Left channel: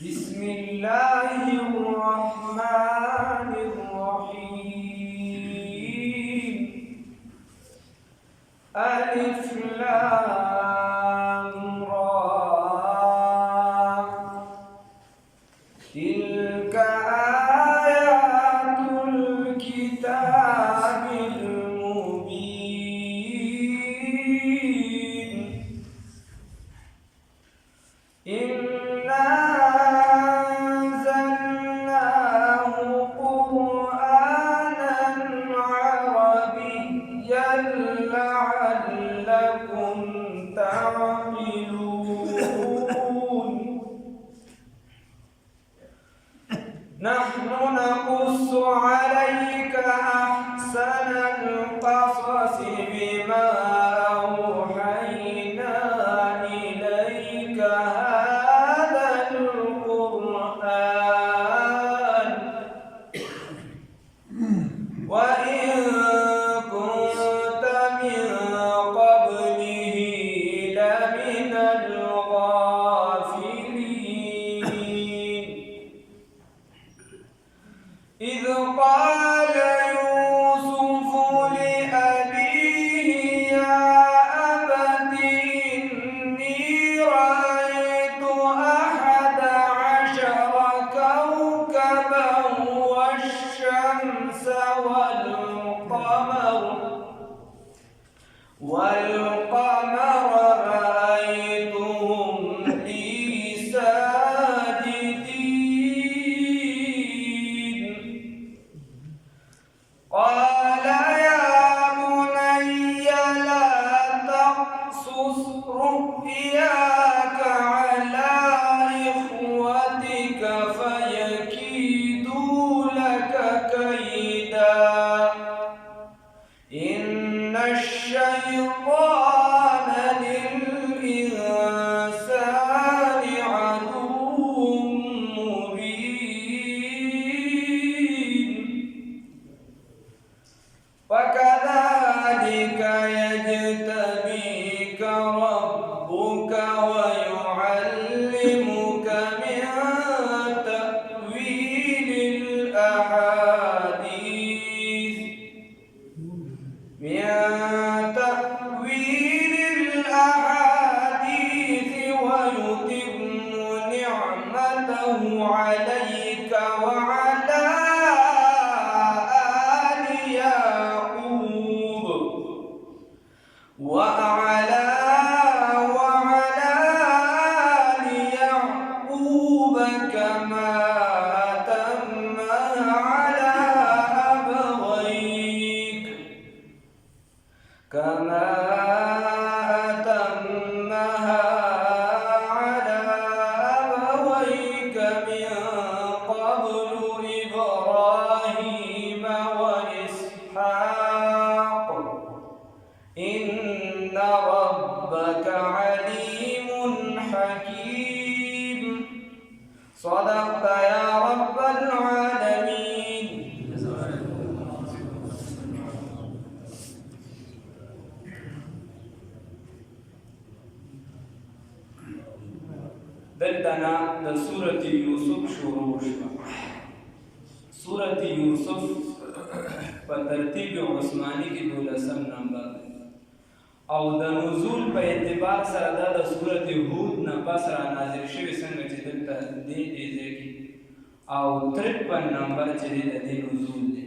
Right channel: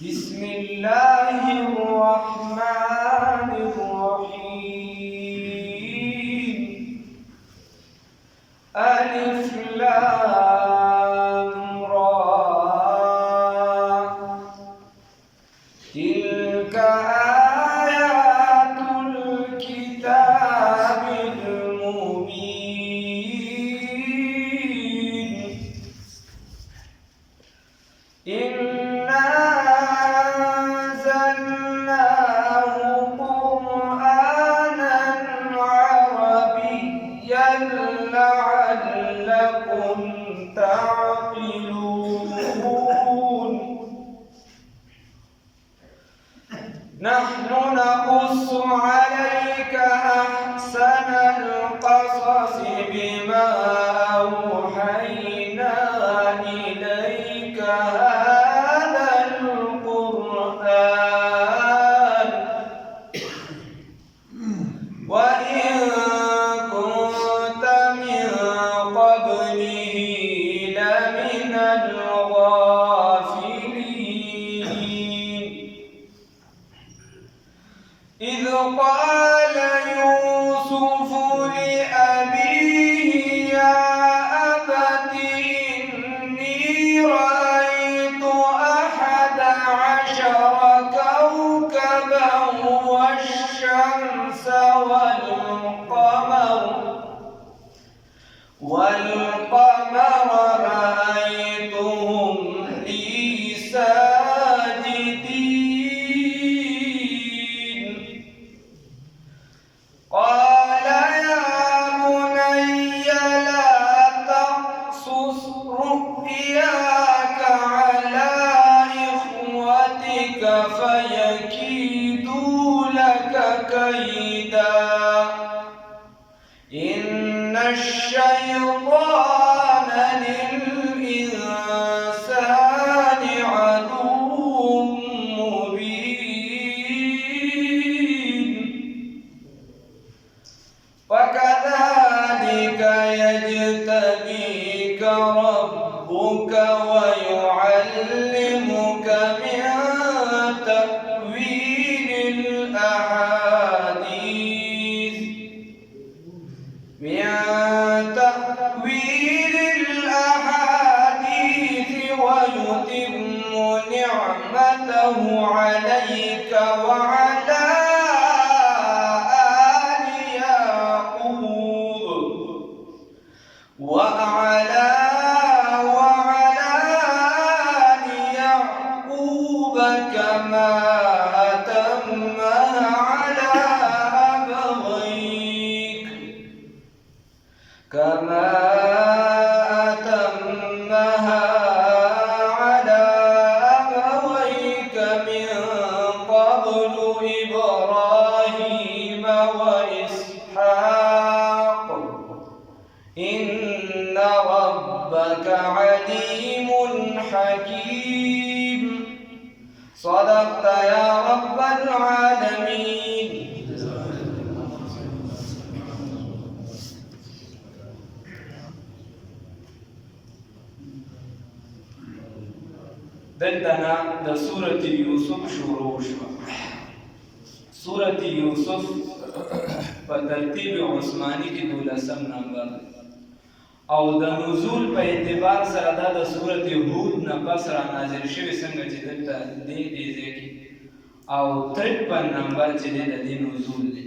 بسم الله الرحمن الرحيم. ألف لام را، تلك آيات الكتاب المبين. إنا أنزلناه قرآنا عربيا لعلكم تعقلون. نحن نقص عليك أحسن القصص بما أوحينا إليك هذا القرآن وإن كنت من قبله لمن الغافلين. إذ قال يوسف لأبيه يا أبت إني رأيت 11 كوكبا والشمس والقمر رأيتهم لي ساجدين. قال يا بني لا تقصص رؤياك على إخوتك فيكيدوا لك كيدا، إن الشيطان للإنسان عدو مبين. وكذلك يجتبيك ربك ويعلمك من تأويل الأحاديث ويتم نعمته عليك وعلى آل يعقوب كما أتمها على أبويك من قبل إبراهيم وإسحاق إن ربك عليم حكيم. صدقت يا رب العالمين. دلتنا د سورة یوسف شروع شوه. سورة یوسف په ترتیب عثماني کې 12 نمبر او د نزول په اعتبار سره دا د سورة هود نه پس را نازل شوی څنګه چې دلته دې ځای کې او 53 نمبر چې د دې نزول دی.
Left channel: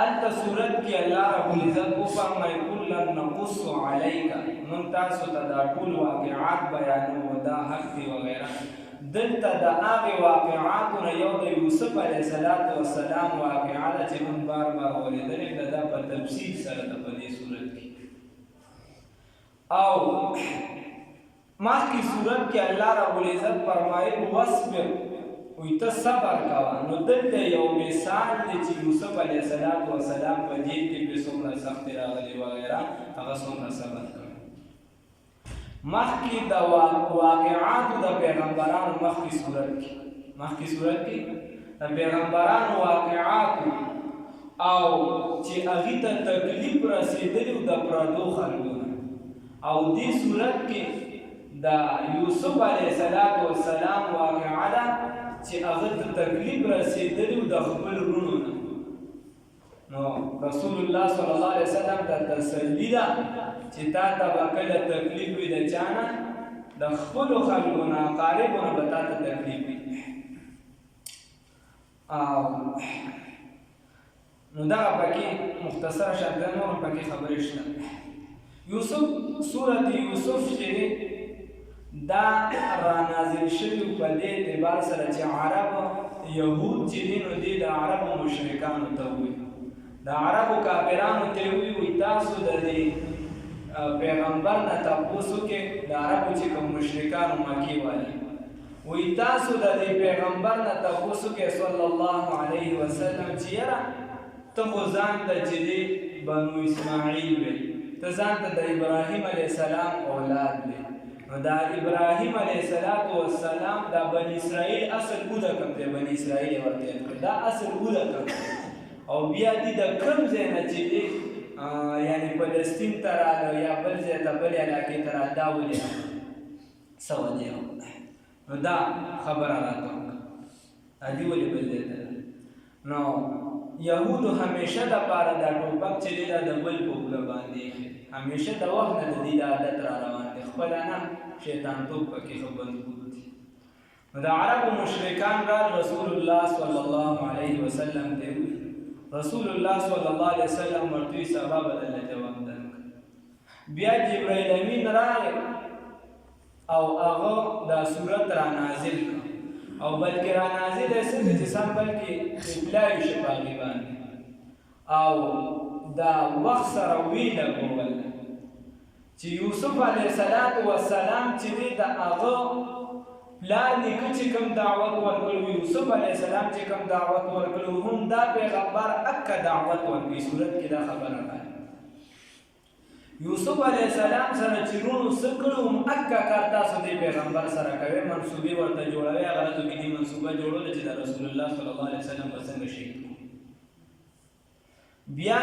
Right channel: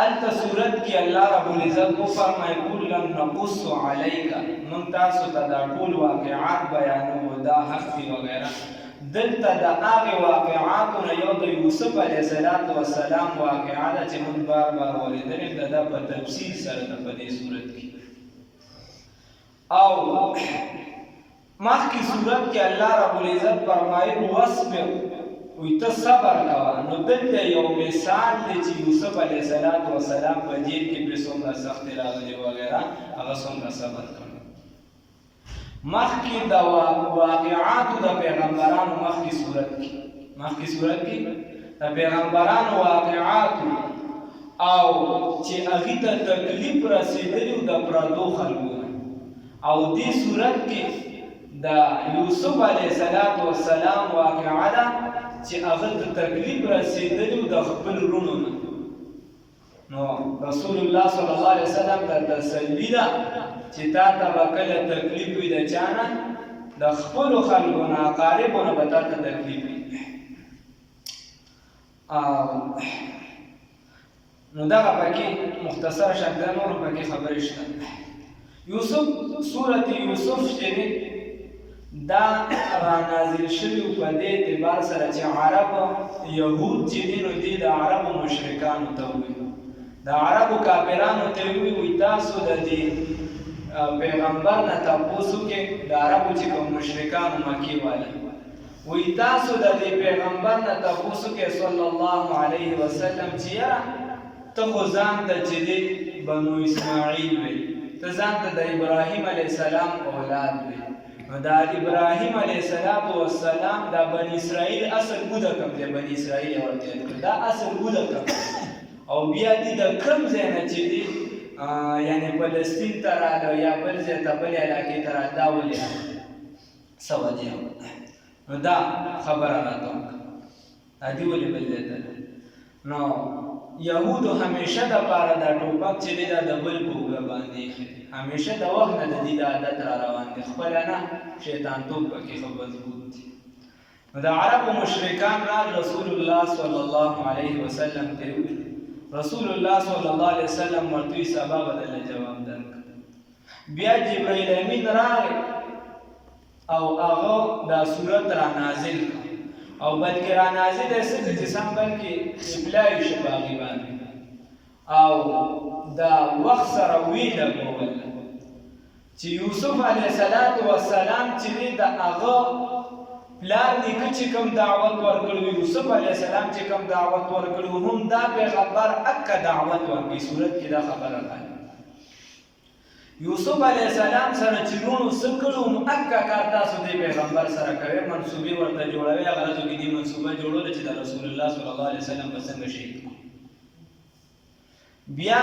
الته سورت کې الله رب العزت کو فرمایي کلن نقص علیک، من تاسو ته دا ټول واقعات بیانو دا حق دی وغیرہ. دلته د هغه واقعاتو یو د یوسف علیه السلام واقعه ده چې من بار ولیدلې ده په تفصیل سره د په دې صورت کې. او مخکې صورت کې الله رب العزت فرمایي واصبر، وی ته صبر کوه. نو دلته یو مثال دی چې یوسف علیه السلام په جیل کې به څومره سختۍ راغلې وغیره، هغه څومره صبر کړی. مخکې د واقعاتو د پیغمبرانو مخکې صورت کې د پیغمبرانو واقعاتو او چې هغې ته تکلیف رسېدلی د پردو خلکو نه، او دې صورت کې د یوسف علیه السلام واقعه ده چې هغه ته تکلیف رسېدلی و د خپل وروڼو نه. نو رسول الله صلی الله علیه وسلم ته تسلي ده چې تا ته به کله تکلیف وي د چا نه؟ د خپلو خلکو نه، اقاربو نه به تا ته تکلیف وي. نو دغه پکې مختصر شکل نور پکې خبرې شته. یوسف سورت یوسف چې دی دا رانازل شوي په دې اعتبار سره چې عرب یهود چې دي نو دی د عربو مشرکانو ته ووایي، د عربو کافرانو ته ووایي تاسو د دې پیغمبر نه تپوس وکړئ، د عربو چې کوم مشرکانو مکې والا وایي تاسو د دې پیغمبر نه تپوس وکړئ صلی الله علیه وسلم چې یاره ته خو ځان ته چې دی بنو اسماعیل وی، ته ځان ته د ابراهیم علیه السلام اولاد وی. نو دا ابراهیم علیه السلام دا بنی اسرائیل اصل بوده کم دی، بنی اسرائیل ورته کړ دا اصل بوده کم او بیا دی د کم ځای نه چې دی یعنی فلسطین ته راغله یا بل ځای ته بلې علاقې ته راغله، دا ولې څه وجه وه؟ نو دا خبره راته وکړه دا دې ولې بل ځای ته نو یهودو همیشه د پاره دا ټوپک چې دی دا د بل په اوږه باندې ایښی دی، همیشه د وخت نه د دې د عادت را روان دی، خپله نه شیطانتوب پکې ښه مضبوط دي. نو د عربو مشرکان رال رسول الله صلی الله علیه وسلم ته وویل، رسول الله صلی الله علیه وسلم ورته وویل سبا به درله جواب درکړم. بیا جبرائیل امین راغی او هغه دا صورت را نازل کړ او بلکې را نازل یې څه چې سم بلکې ابلاء شي په هغې باندې او دا وخت سره ویې لګول چې یوسف علیه السلام چې دی د هغه پلار نیکه چې کوم دعوت ورکړی، یوسف علیه السلام چې کوم دعوت ورکړی هم دا پیغمبر اکه دعوت ورکړي. صورت کې دا خبره راغله یوسف علیه السلام سره چې وروڼو څه کړي هم اکه کار تاسو دې پیغمبر سره کوئ، منصوبې ورته جوړوئ. هغه ورځو کې دې منصوبه جوړوله چې د رسول الله صلی الله علیه وسلم به څنګه شهید کړو. بیا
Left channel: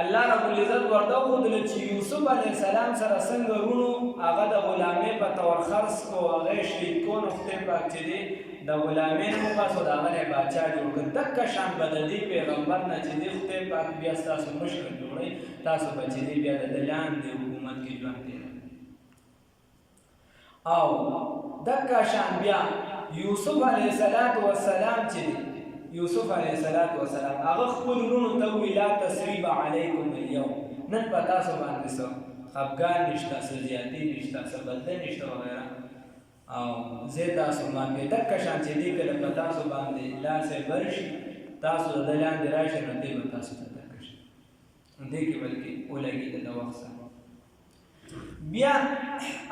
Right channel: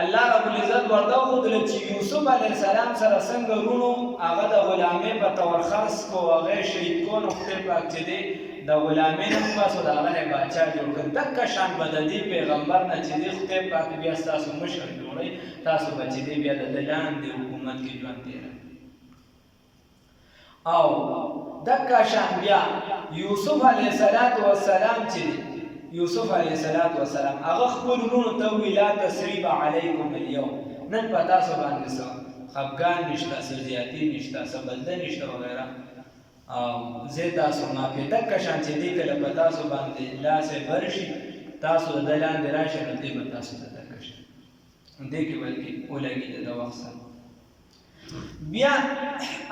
الله رب العزت ورته وښودله چې یوسف علیه السلام سره څنګه وروڼو هغه د غلامۍ په طور خرڅ کو، هغه یې شهید کو. نو خدای پاک چې دی د غلامۍ نه وباسو، د هغه نه یې باچا جوړ کړ. دقه شان به د دې پیغمبر نه چې دی خدای پاک بیا ستاسو مشر جوړوي، تاسو به چې دی بیا د ده لاندې حکومت کې ژوند تېروئ. او دقه شان بیا یوسف علیه السلام چې دی یوسف علیه السلام هغه خپل وروڼو ته وویل لا تثریب علیکم اليوم، نن په تاسو باندې څه خفګان نشته، څه زیاتي نشته، څه بدله نشته وغیره، او زه تاسو معافي. دقه شان چې دی کله په تاسو باندې لاس یې بر شي، تاسو د ده لاندې راشئ نو دی به تاسو ته دقه شي، دې کې بلکې ولګېده د وخت سره. بیا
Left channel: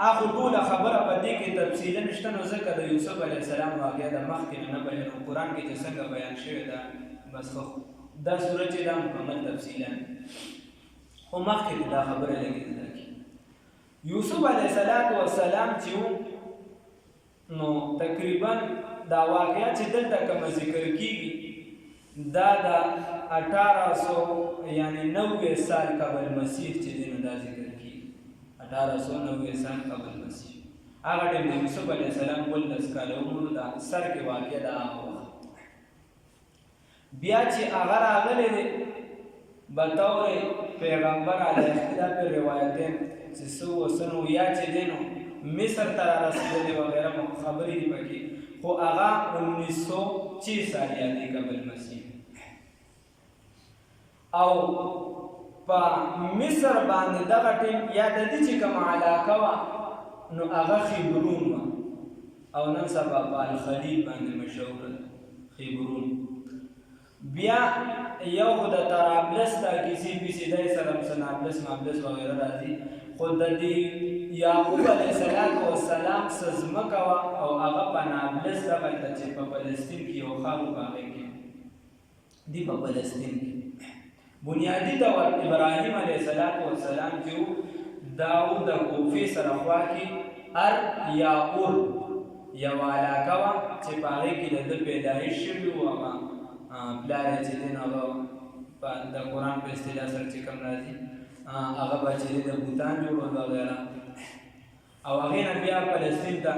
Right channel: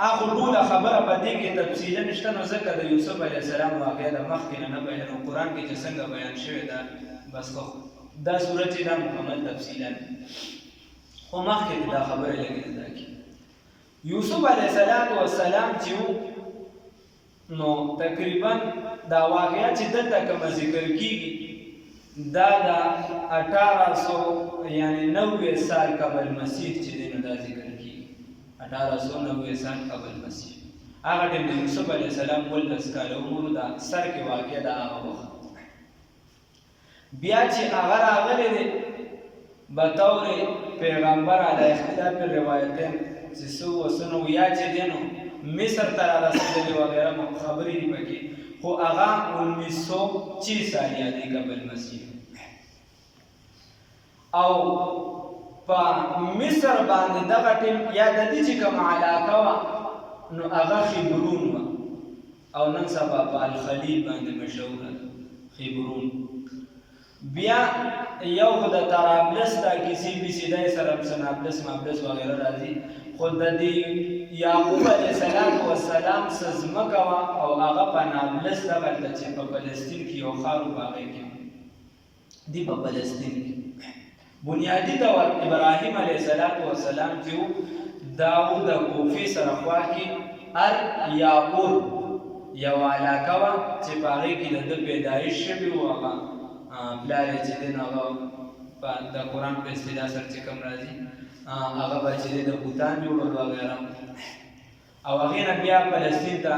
هغه ټوله خبره په دې کې تفصیلا نشته، نو ځکه د یوسف علیه السلام واقعه د مخکې نه بیانوو. قرآن کې چې څنګه بیان شوې ده بس دا صورت چې دا مکمل تفصیلا، خو مخکې دا خبره لږ زده کړي. یوسف علیه السلام چې و نو تقریبا دا واقعه چې دلته کومه ذکر کېږي دا د 1800 یعنی 90 سال قبل مسیح چې دی نو دا ذکر 1890 سال قبل مسیح. هغه ټیم د یوسف علیه السلام 19 کاله عمر دا سر کې واقع ده هغه وخت. بیا چې هغه راغلی دی بطور پیغمبر علی اختلاف روایتین چې څه وڅه نو یا چې دی نو مصر ته رارسېدلی وغیره خبرې دي پکې، خو هغه 1906 سال یادې قبل مسیح. او په مصر باندې دغه ټیم یا د دې چې کومه علاقه وه نو هغه خیبرون وه، او نن سبا په الخلیل باندې مشهوره ده خیبرون. بیا یو خو د طرابلس دا کیسې بیسې دی سره نابلس مابلس وغیره راځي، خو د دې یعقوب علیه السلام څه ځمکه وه او هغه په نابلس دغلته چې په فلسطین کې یو ښار و په هغې کې دي په فلسطین کې بنیادي طور ابراهیم علیه السلام چې و دا و د کوفې سره خوا کې یاقور یو علاقه وه چې په هغې کې د ده پیدایش شوي و. هغه پلار یې چې دی نو هغه د قرآن په اصطلاح سره چې کوم راځي هغه به چې دی د بوتان جوړول وغیره، او هغې نه بیا فلسطین ته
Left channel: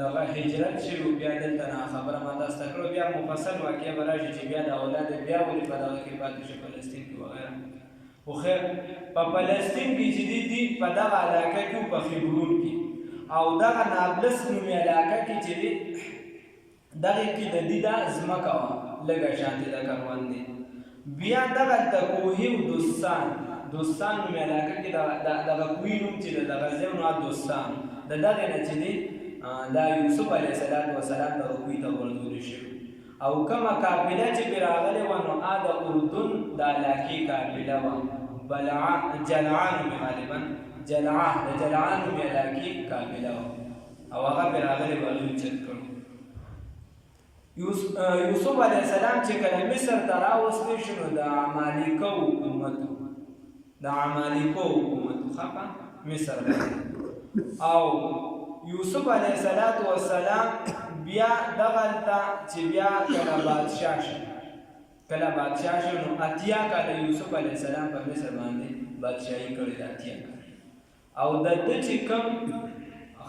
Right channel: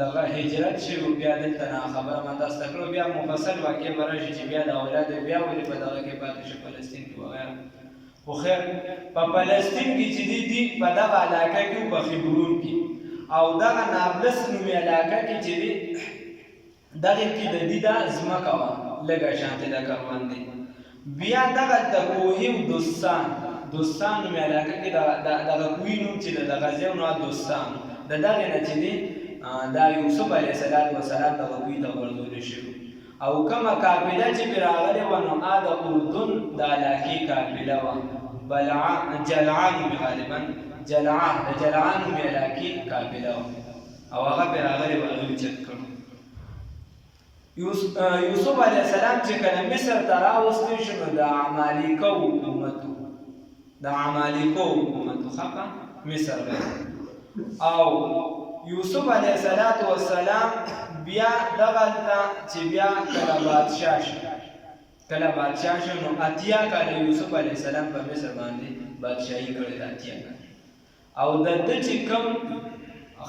دغه هجرت شوي بیا دلته نه خبره ما تاسو ته کړو بیا مفصل واقع به راشي چې بیا د اولاد بیا ولې په دغه کې پاتې شو فلسطین کې وغیره خو خیر په فلسطین کې چې دي په دغه علاقه کې په خبرون کې او دغه نابلس نومې علاقه کې چې دي دغه کې د دې دا ځمکه وه لږه شانتې د کروندې بیا دغه د کوهي دوستان نومې علاقه کې دغه کوهي نوم چې د دغه ځای نو دوستان د دغې نه چې دی دا یوسف علیه السلام دغه کوهي ته غورځولی شوي او کومه قافله چې پرې راغلې وه نو د اردن د علاقې قافله وه جلعا نومې غالبا د جلعا نومې علاقې قافله وه او هغه پرې راغلې وه هغوی چت کړو یوسف علیه السلام چې کله مصر ته راوستی شو نو د عمالیقو حقوقو خفه مصر او یوسف علیه السلام بیا دغلته چې بیا کله بادشاه شو نو اتیا کاله یوسف علیه السلام په مصر باندې بادشاهي کړې ده اتیا کاله او د ده چې کوم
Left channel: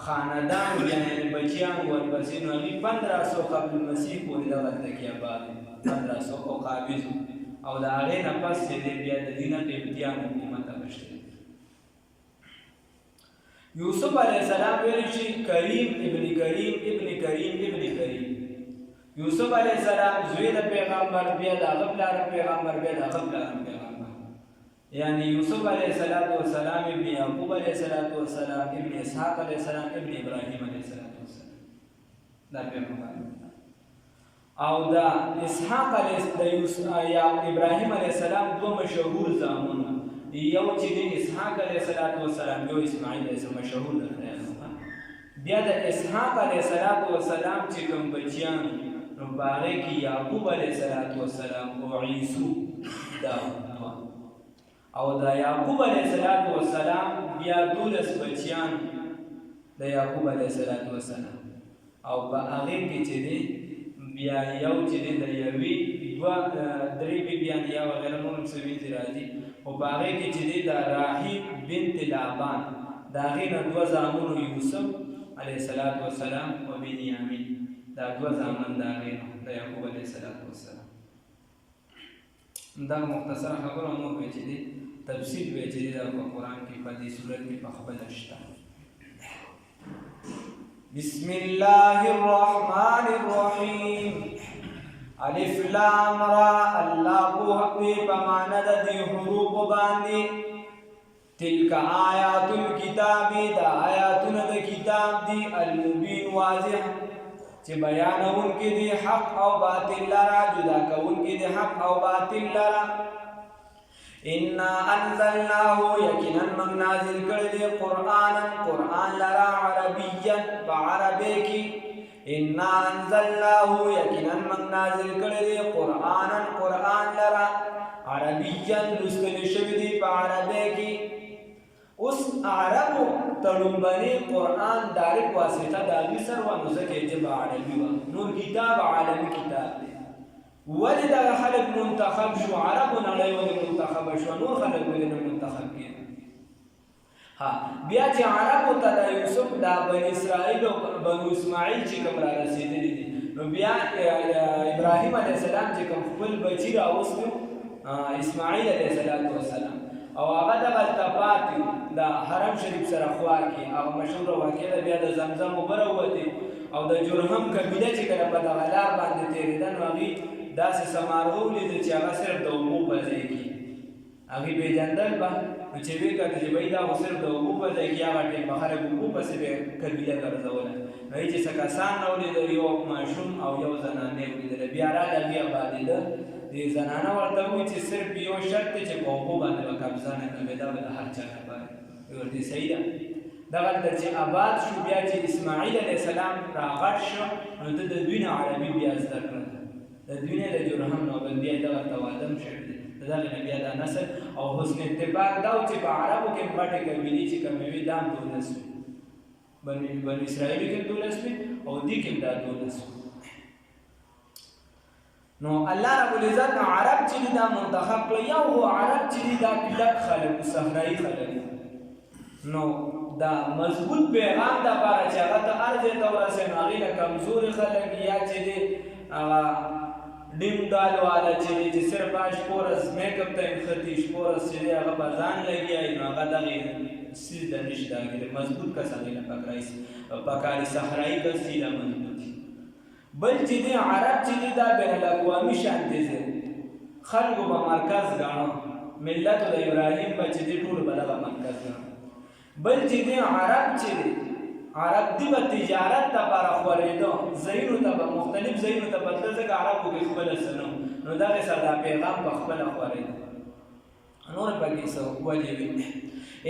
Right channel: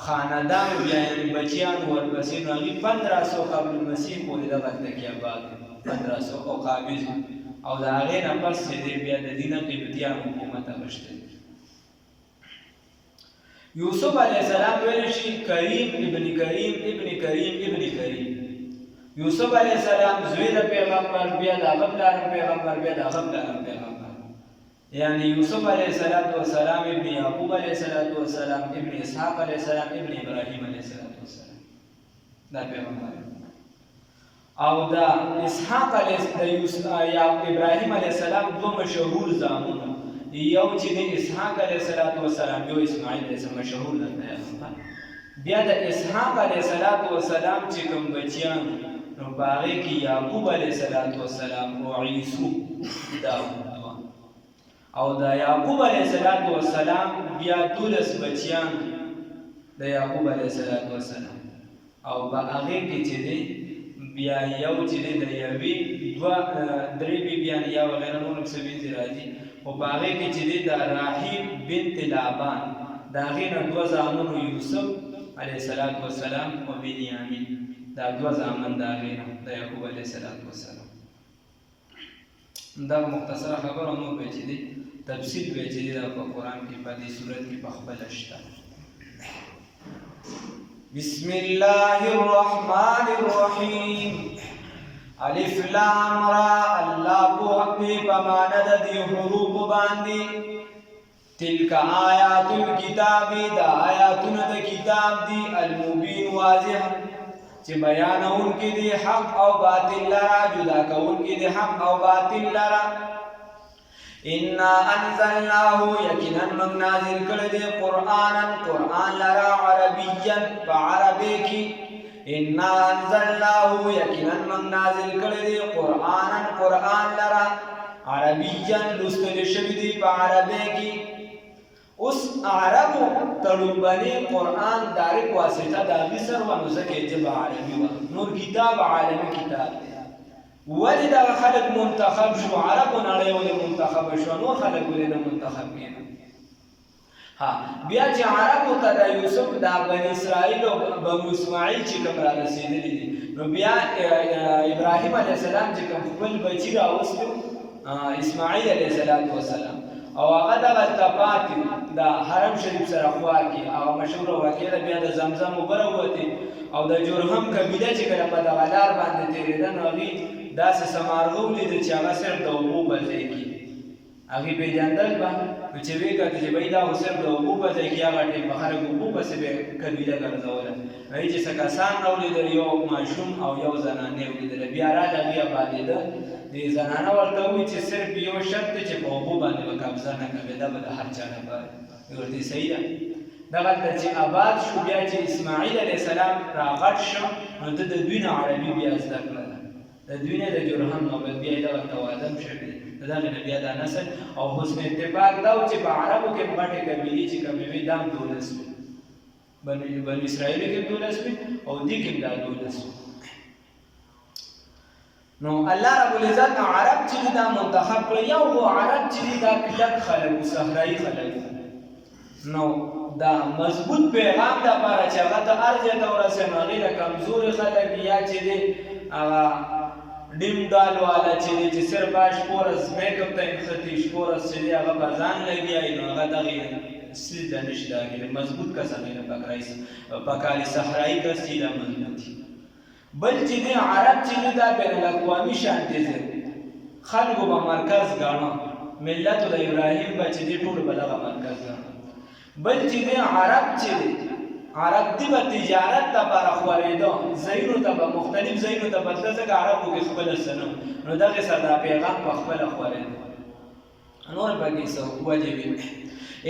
خاندان بیا یعنې بچیان ورپسې نو هغوی 1500 قبل المسیح پورې دغلته کې آباد 1500 او قابض او د هغې نه پس چې دی بیا د دې نه قبطیان حکومت اخیستی یوسف علیه السلام ویلی شي کریم ابن کریم یوسف علیه السلام زوی د پیغمبر بیا د هغه پلار پیغمبر بیا د هغه پلار پیغمبر یعنی یوسف علیه السلام ابن یعقوب علیه السلام ابن اسحاق علیه السلام ابن ابراهیم علیه السلام دا پیغمبر او دا اسحاق علیه ابراهیم علیه السلام دو مشهور زامنو یو چې د اسحاق علیه السلام یو اسماعیل علیه السلام مشهور ده بیا د اسحاق علیه السلام چې کوم بچیان نو په هغې کې یعقوب علیه السلام او عیسو او د یعقوب علیه السلام بیا 12 بچیان د یعقوب علیه السلام او په هغې کې چې دی بیا یو چې دی د یوې درې بیبیان یا وغیره نور څه وینځي راځي خو په هغې کې چې دی د راحیل بنت لابان د هغې نه 2 زامنو یوسف علیه السلام او بنیامین دا 2 زامن د هغې نه د یعقوب علیه السلام دا مختصره خبره نور به چې دی تفصیل به چې دی دا په قرآن کې په دې صورت کې په خپله شته بسم الله الرحمن الرحیم الف لام را الله پوهه په معنا د دې حروف باندې تلک آیات الکتاب دا آیاتونه د کتاب دی المبین واضح چې بیانونکي دي حق او باطل لرا جدا کوونکي دي حق او باطل لرا انا انزلناه یقینا من نازل کړی دی قرآن لرا عربیا بعربی کی انا انزلناه یقینا من نازل کړی دی قرآن لرا عربیا لوستل شوی دی په عربی کی اوس عربو تړومبني قرآن دایرک واسطه د هغې سره وه نو ځکه یې ژبه عربي وه نور کتاب عالمي کتاب دی ولې دغه خلک منتخب شو عربو نړۍ ولې منتخبه شوه نور خلک ولې نه منتخب کېدل بیا چې عربو ته د یوسف دا بني اسرائیل او بنو اسماعیل چې کوم را رسېدلي دي نو بیا ابراهیم علیه السلام چې کوم خپل بچي راوستي اسماعیل علیه السلام او هغه دغلته پاتې د حرم شریف سره خوا کې هغه مشهوره واقعه ده بیا د زمزم اوبه راووتې او د جرهم قبیله چې کله په دغه لار باندې تېرېده نو هغوی داسې څه مارغه ولیده چې هغه صرف د اوبو په ځای کې هغوی پېژندل به نو چې ویې کتل چې بهی دا خو صرف د اوبو په ځای کې هغه ټیم به خلک اوبو پسې به قبیله ګرځوله هغوی چې څه کسان راولیدل یو ماشوم او یو زنانې ولیدله بیا راله هغوی ابادېده دې زنانه ورته وایي چې صرف یو شرط دی چې په اوبو باندې به قبضه نه کوې دا به د هر چا لپاره ورته صحیح ده دغلته چې آباد شو بیا چې اسماعیل علیه السلام راغټ شو نو ده د دوی نه عربي بیا زده کړله د دوی نه د جرهم نه بیا یې دغلته واده هم شوي دي د دغې نه بیا دا نسل او حسن اتفاق دا و چې په عربو کې هم غټې قبیلې چې کومې وي دا هم 12 وي بنو اسرائیلو کې 12 وي او دې کې هم دا 12 وي نو الله رب العزت عرب چې دا منتخب کړ یو هو عرب چې دا کلک خلک صحرایي خلک نو دا مضبوط پیغام د لپاره چې هغه ته هر ځای ته ورسوي نو هغې له کمزوري خلک یا چې دی ډیم ډال والا چې دی چې صرف شپه ورځ میک اپ ته نښتي شپه ورځ چې دی هغه په ځان لګیایي نو هغه دغې سیز ته نشي دا کېدی مضبوط کس هغې له پکاري صحرایي کس چې دا مضبوط وي بل چې دی عرب چې دی دا بین الاقوامي شانتې ځای خلکو به مرکز ګاڼه ملت د ابراهیم به چې دی ټولو به دغه مرکز ګاڼه بل چې دی عرب چې دی عرب دی به تجارت دپاره خورېده ځایونو ته به مختلف ځایونو ته به تله ځکه عربو کې خپله څه نه نو دغې سره دا پیغام په خپله خورېده نور پکې څه وجې وي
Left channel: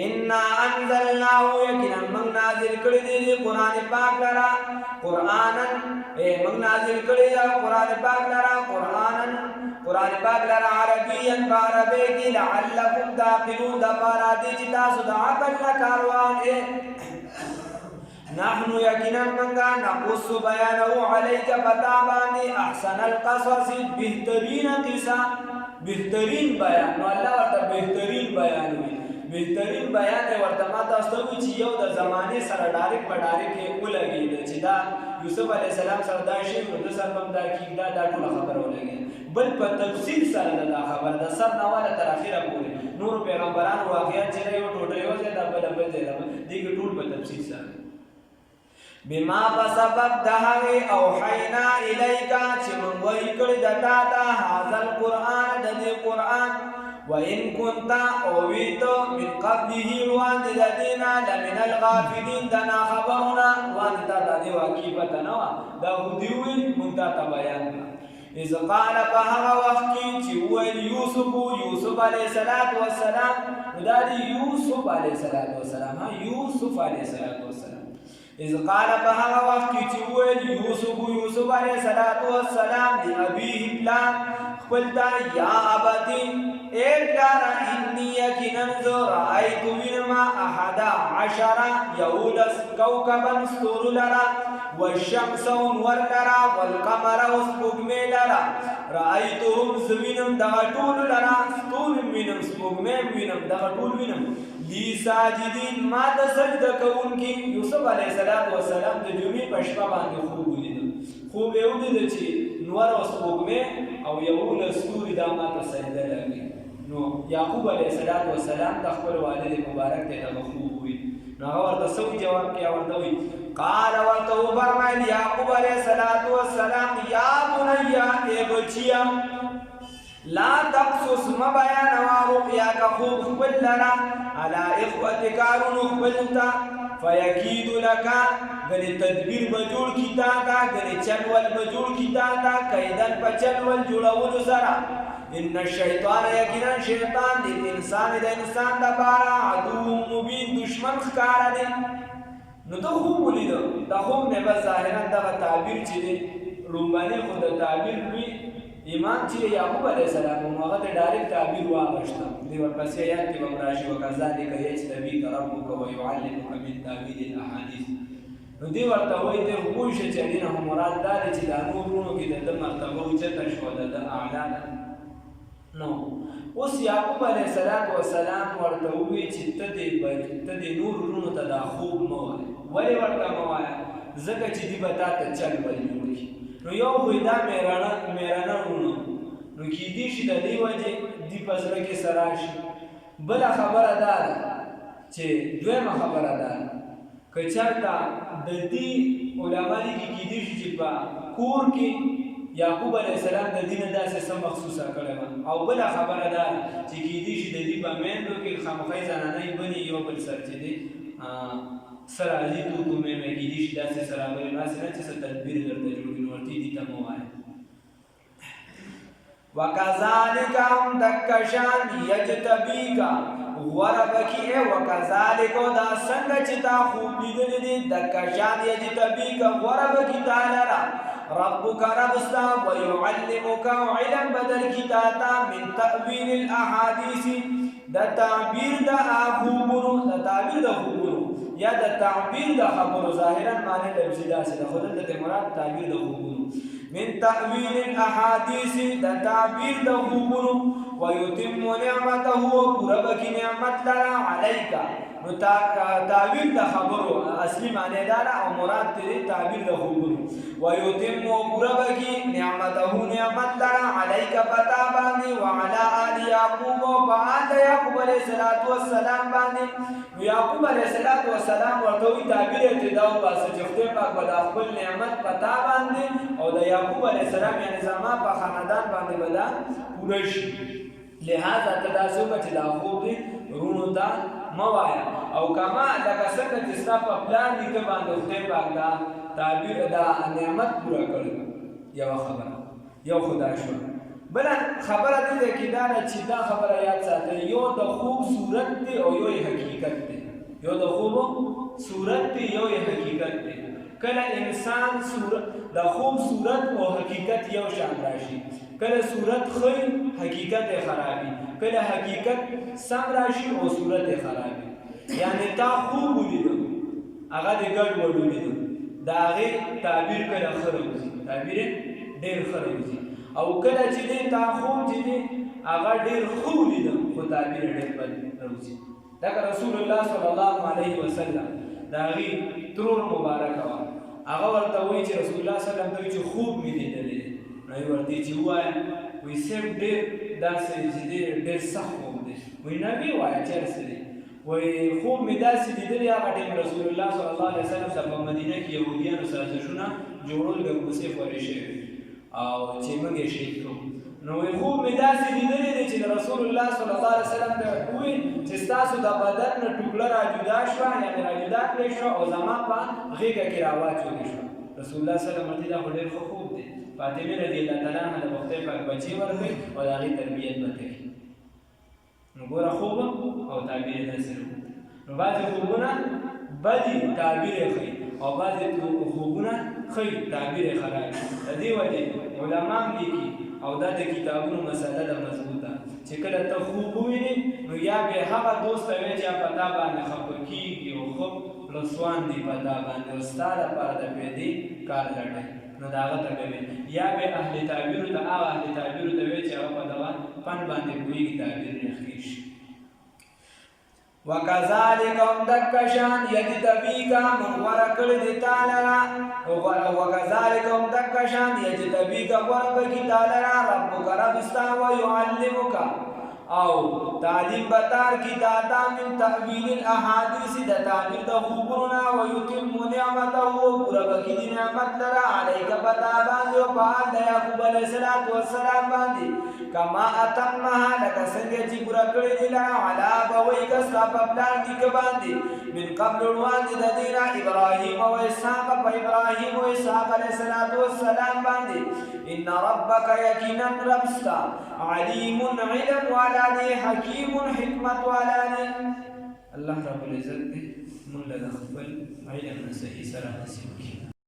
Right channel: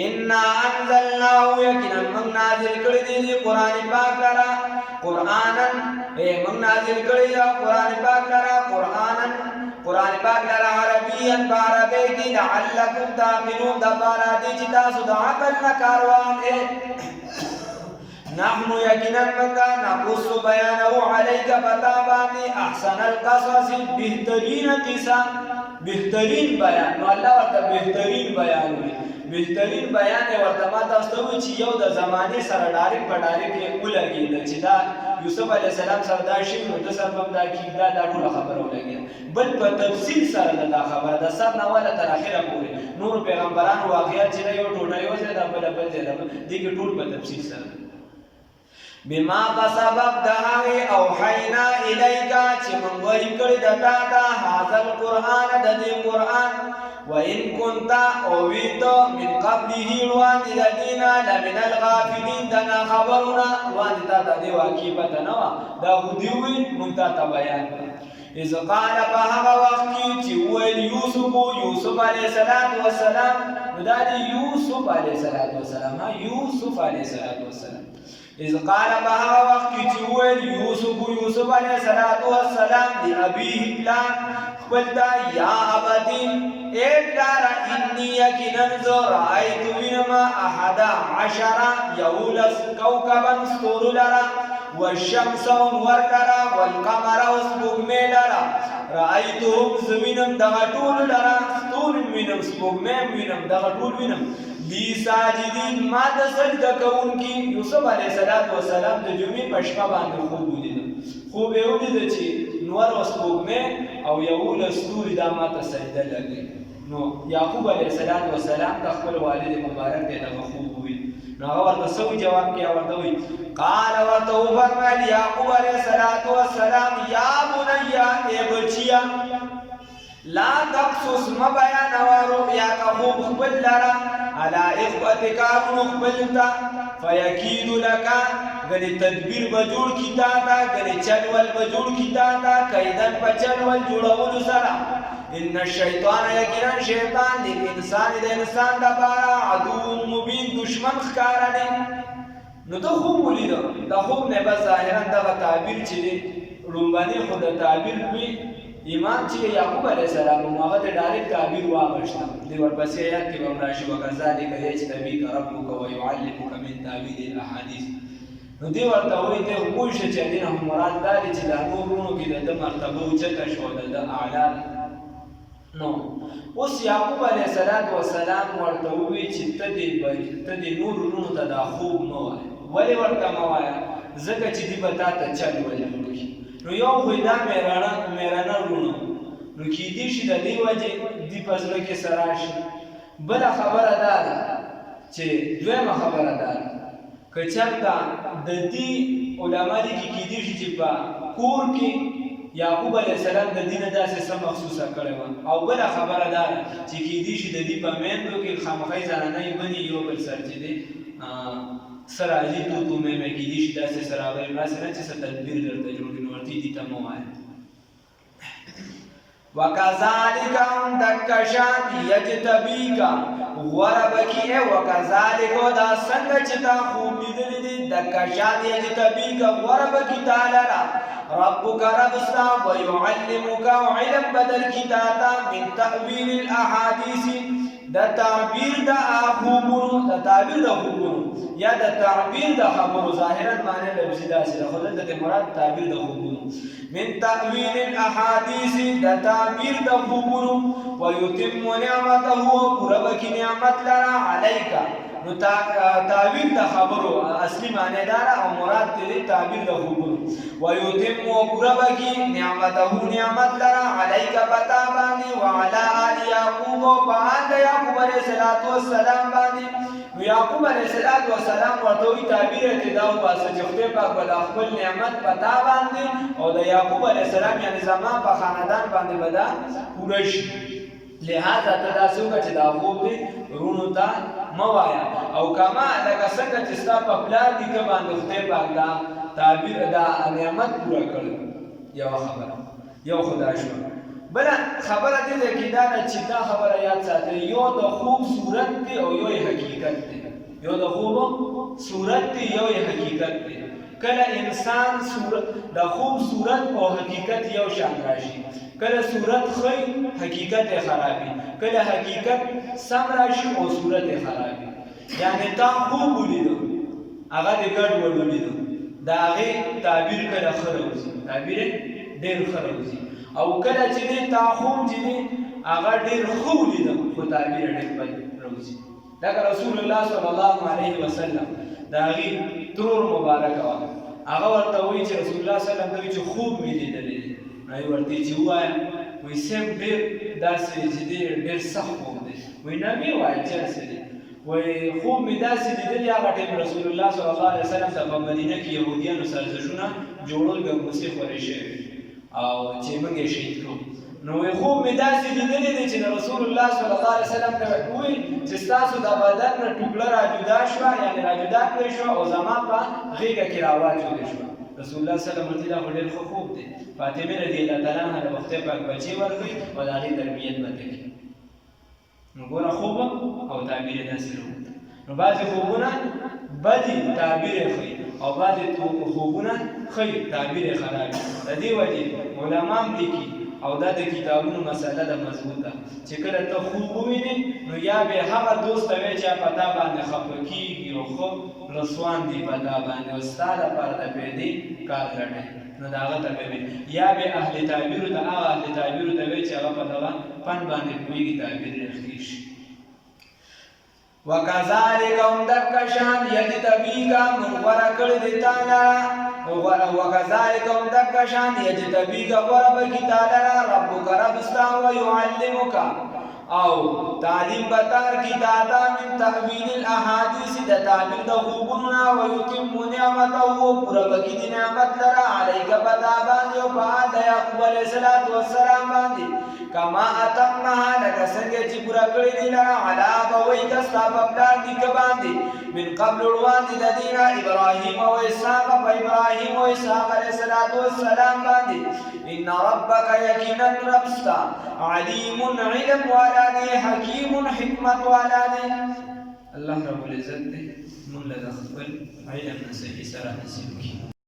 انا انزلناه یقینا موږ نازل کړی دی قرآن پاک لره قرآنا موږ نازل کړی دی قرآن پاک لره قرآن پاک لره عربیا په عربۍ کې لعلکم تعقلون دپاره دی چې تاسو د عقل نه کار واخلئ نحن یقینا منگا نقص بیانو علیک پتا باندې احسن القصص بهترین قصه بهترین بیان نو الله ورته بهترین بیان وي بهترین بیان ورته ما تاسو ته چې یو د زمانه سره ډایرک په ډایرک کې ولګید چې دا یوسف علی السلام سره دا شی نو د سر په دا کې دا ټول خبره ولګید بل په تفصیل سره دا خبره د سر نه ولا تر اخره پورې نور پیغمبرانو واقعیت چې یو ټوټه یو ځای دا بل ځای دا دغه ټول په تفصیل سره بما بسبب دهوی اوحینا الیکا چې موږ وحی کړی د تا ته هذا القرآن د دې قرآن وإن كنت اویت من قبله وړاندې د دې نه لمن الغافلین د ناخبرونه وړاندې تا ته دې واقعي پته نه وه دا خو دې وویل موږ تا ته بیان کړه اذ قال په هغه وخت کې چې وویل یوسف علیه السلام نو دا دی یوسف علیه السلام یوسف علیه السلام اذ قال بها وقت چې ویل یوسف علیه السلام دی ابيه پلان خپلتا یا ابدی اے پلارا انی یقینا رأیت وینما 11 یولس کوكبا ستورو لرا والشمس انور لرا والقمر سپوږمۍ لرا رأیتهم زوینم دغه ټول لرا ستوري وینم سپوږمۍ وینم دغه ټول وینم لی ساجدین ما د سجده کوونکي یوسف علیه السلام د جمعې په شپه باندې خوب ولیده خوب یې ولیده چې نور او سپوږمۍ او یولس ستوري دا ما ته سجده لګوي نو یعقوب علیه السلام د خپل والد مبارک ته دغه خوب وویل نو هغه ورته څه جواب کې ورته وویل قال ورته وفرمایل یعقوب علیه السلام یا بنیا ای بچیا لا تقصص ما بیان رؤیاک خوب خپل لرا علی اخوتک خپلتا فیکید لک غنی تدبیر بجوړ کی تا غنی چلول بجوړ کی تا کیدن په چلول جوړول سره ان الشیطان یقینا شیطان د انسان د لپاره عدو مبین دشمن ښکار دی نو ته خوب ولید دا خوب نه بس ظاهرا دغه تعبیر چې دی لومباني خو د تعبیر لوی ایمان چې یعقوب علیه السلام هغه ته ډایرکټ تعبیر واغشته دی ورپسې آیات کې به راشي وکذلک یجتبیک ربک ویعلمک من تعبیر الاحادیث نو دی ورته وایي ته خو پوه شه چې دین هم مراد دا دی چې دا نورونو کې د مرتبه اوچته شوه د اعلی نو اوس یعقوب علیه السلام ورته ووایي چې ته دې نور وروڼو ته دا خوب مه وایه ولې ورته مه وایه ځکه چې دی به تا ته چل ول جوړ کړي نو یو خو دا میرانه وروڼه نو کیدی شي د دې وجې دی په زړه کې سره شي بله خبره دا ده چې دویمه خبره دا ده که چېرته د دې علما دي کې کیدی شي چې په کور کې یعقوب علیه السلام د دې نه داسې څه مخصوصه کړې وه او بله خبره دا ده چې کیدی شي د دې په میندو کې خامخای زنانۍ بني یو بل سر چې دی څه راځي تو مې کیدی شي داسې سره راغلي داسې نه چې څه تدبیر درته جوړ کړي ورته دې ته مه وایه وکذالک هم دک شان یجتبیک غوره بکی وکذالک دا څنګه چې تا خوب لیدلی دی دک شان یجتبیک غوره بکی تا لره ربک ربستا ویعلمک علم بدل کی تاتا من تأویل الاحادیث دا تعبیر دا خوبونو یا د تعبیر د خبرو ظاهرا معنی لفظي داسې ده خو دلته مراد تعبیر د خوبونو من تأویل الاحادیث د تعبیر د خوبونو ويتم نعمته پوره بکی نعمت لرا علیک نو تعبیر د خبرو اصلي معنی دار او مراد دې تعبیر د خوبونو ويتم پورا بکی نعمته نعمت لرا علیک پتا باندې وعلى آل یعقوب وعلى یعقوب علیہ الصلوۃ والسلام باندې یعقوب علیہ الصلوۃ والسلام ورته تعبیر ابتداء واسه چې خدای پاک بل خپل نعمت پتا باندې او د یعقوب علیہ السلام یعنی زما په خاندان باندې بدا پوره شي لہذا تداسو چې دا خوب دي رونو ته موایا او کما لکه څنګه چې ستا په پلان کې باندې خدای پاک دا تعبیر دا نعمت پورا کړ یو خبره یو خدا شو بل خبره دې کې دا چې دا خبره یاد ساتئ یو د خوب صورت دی او یو حقیقت دی یو د خوب صورت دی یو حقیقت دی کله انسان صورت د خوب صورت او حقیقت یو شان راشي کله صورت خی حقیقت خرابي کله حقیقت سم راشي او صورت خرابي یعنی تا خوب ولیدو هغه د ګډ وډ ولیدو دا هغه تعبیر کله خروزي تعبیر ډېر خروزي او کله چې تا خوب چې هغه ډېر خو ولیدو خو تعبیر ډېر بد روزي دا رسول الله صلی الله علیه وسلم دا هغه ترور مبارک وا هغه ورته وی چې رسول الله صلی الله علیه وسلم چې خوب مې لیدلې نو ورته چې وایم وی سم ډېر داسې چې ډېر سخت خوب دی وی نبی وای چې سړي وی خوب مې داسې لیدلې هغه ټیم رسول الله صلی الله علیه وسلم په مدینه کې يهوديانو سازشونه جوړول ګموسي خوري شي او چې موږ یې شهید کړو نو خوب مې داسې لیدلې دی چې رسول الله صلی الله علیه وسلم ته وی چې تاسو د بدن نه ټوکړه را جدا شو یعنی را جدا کړی شو او زما په غیږه کې راواچول شو رسول الله صلی الله علیه وسلم دا ډېر خوب دی فاطمه رضی الله تعالی عنها د وخت پاک بچي ورغی او د هغې تربیت وکړي نو ګوره خوب او تعبیر داسې نو بعضې خوبونه بدي تعبیر ښیي او بعضې خوبونه ښیي تعبیر خرابي د دې وجې علما هم لیکي او دا د کتابونو مسله ده مضبوطه چې کله ته خوب ووینې نو یا به هغه دوست ته وایې چې په تا باندې خفه کېږي او خوب رسوان دي په تا باندې او ستا لپاره د پیدې کار لټوي نو د هغه ته به یا به اهل تعبیرو ته هغه اهل تعبیرو ته وایې چې هغه په دغه فن باندې پوهېږي تعبیر یې ښه شي وکذالک هم دک شان یجتبیکا من غوره کړی دی تا لره وکذالک هم دک شان یجتبیکا غوره بکي تا لره ربک رب ستا ویعلمک او تعلیم بتار کی دادا من تحویل الاحادیث د تعبیر د خوبونو ويتم نعمته پورا بکی دی نعمت لره علیک پتا باندې او په یعقوب علیہ الصلوۃ والسلام باندې کما اتمها لکه څنګه چې پورا کړی دی لره علا ابویک ستا په پلان کې باندې من قبل وړاندې د دینا ابراهیم او اسحاق په ابراهیم او اسحاق علیہ الصلوۃ والسلام باندې ان ربک یقینا ربستا علیم علم والا دی حکیم حکمت والا دی الله رب العزت دې موږ له خپل علم نه صحیح سره نصیب کړي